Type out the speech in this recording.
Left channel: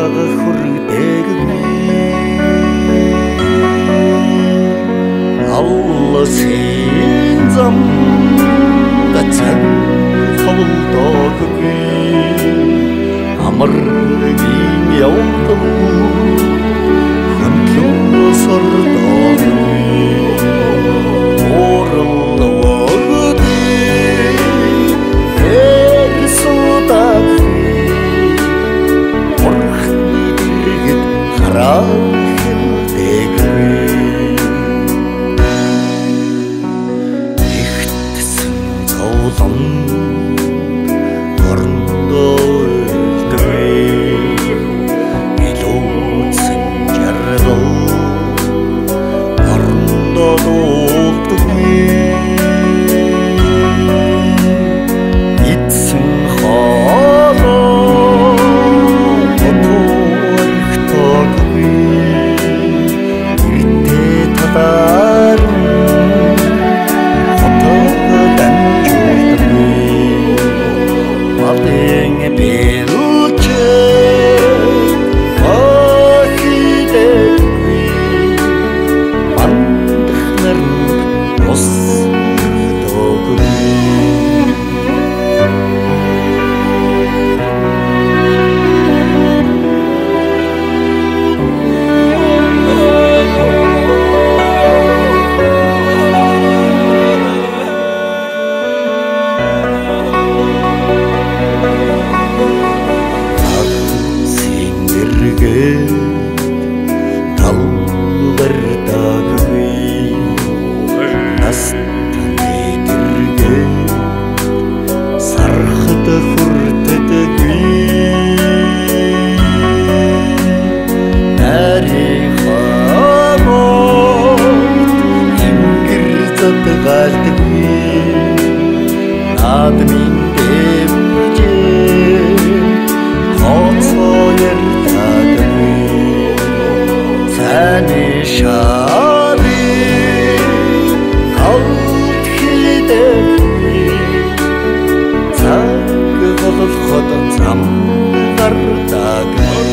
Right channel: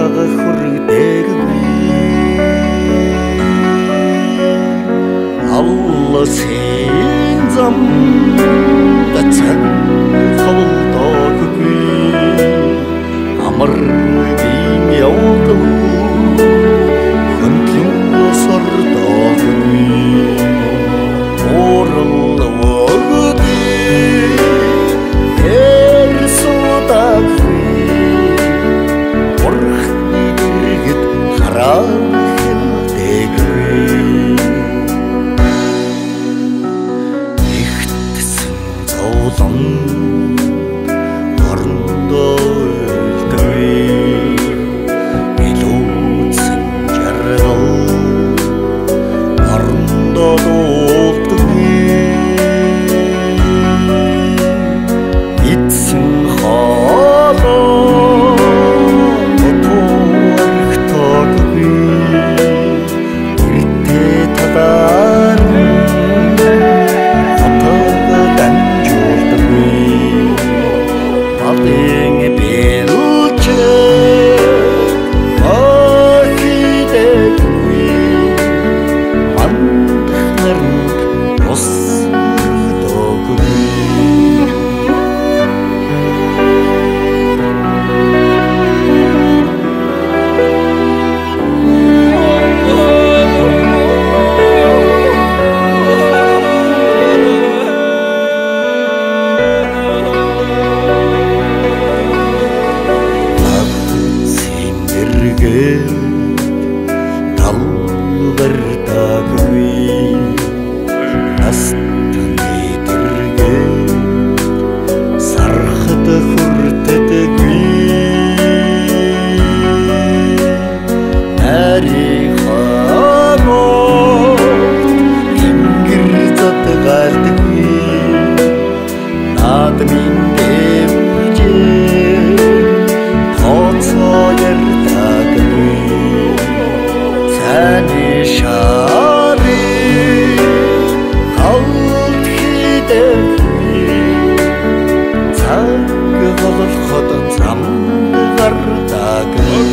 хага хүрдэггүй алласын зам цаг хавлдаггүй амаргийн явдал хөндлөн сордаггүй орлогоды эрсудаггүй орхны дэргэд харахэлдэггүй ихтсэн зовлон орондоо үлдвэ илүүцэн жаргал орондоо дуулдаггүй эцэн хоолоо тотуархтаггүй иртэ талаар Малын бэлчэ ахидэггүй мандахнар ус доггүй талбардаггүй настаны дэргэ сархад хүртдэггүй нарихамот ингэр задгаалдаггүй наадмын дэвжээ тооцоо ярдаггүй Таны шари галт хидэггүй цаг голоход зам гардаггүй